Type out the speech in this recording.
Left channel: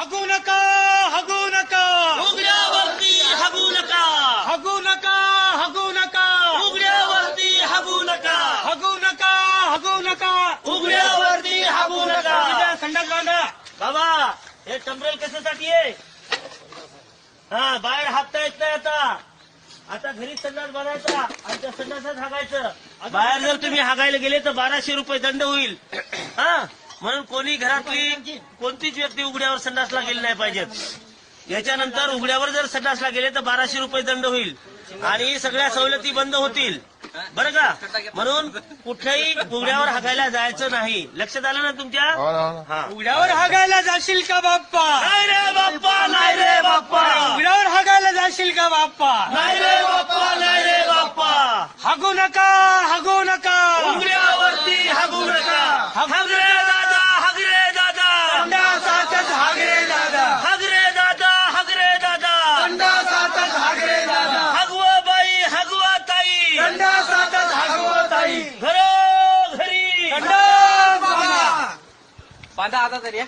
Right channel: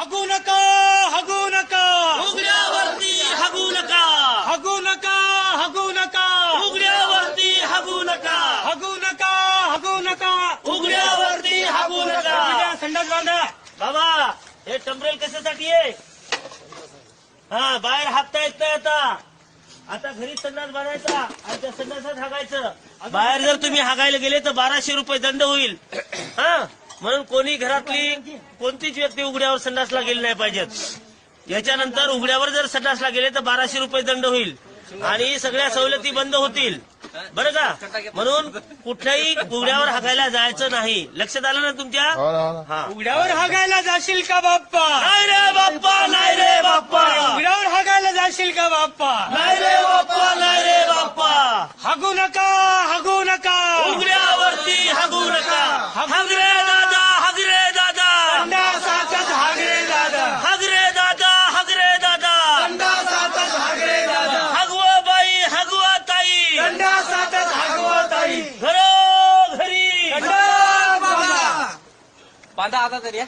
हगू नका, हगू नका, उघड्यावरती हगू नका, हगू नका, हगू नका, उघड्यावरती हगू नका, हगू नका, हगू नका, उघड्यावरती हगू नका. संडास बांधा. बाबा हे टंबरेल कशासाठी आहे? हा बाहेर हाकता येत नाही आता घरी संडास बांधायचा आणि त्या संडासात हागायचं. बाहेर जर तुम्ही हागायला गेले तर 1200 रुपये दंड होईल. हा म्हणून कोणी घरातली कोणतीच व्यक्ती उघड्यावर संडासला गेली नाही पाहिजेत. याच्यानंतर उघड्यावर जर संडासला गेले तर 1200 रुपये दंड होईल आणि सगळ्या सवलती बंद होतील. बरं का? म्हणून कुठल्याही उघड्यावर हागायला जायचं नाही. लक्षात आलं ना तुमच्या? हा. उघड्यावर हागायला जाशील का बाप्पा? नाही रे बाप्पा, नाही रे बाप्पा, उघड्यावर हागायला जाशील का बाप्पा? नाही रे बाप्पा, नाही रे बाप्पा. हगू नका, हगू नका, उघड्यावरती हगू नका. हग रे दादा, हग रे दादा, संडासातच हाग रे दादा, हग रे दादा, हग रे दादा. संडासातच हाग रे दादा, हगवा बाई, हगवा ताई, संडासातच हागवत आई. घरोघरी संडास बांधा. बांधा आता तरी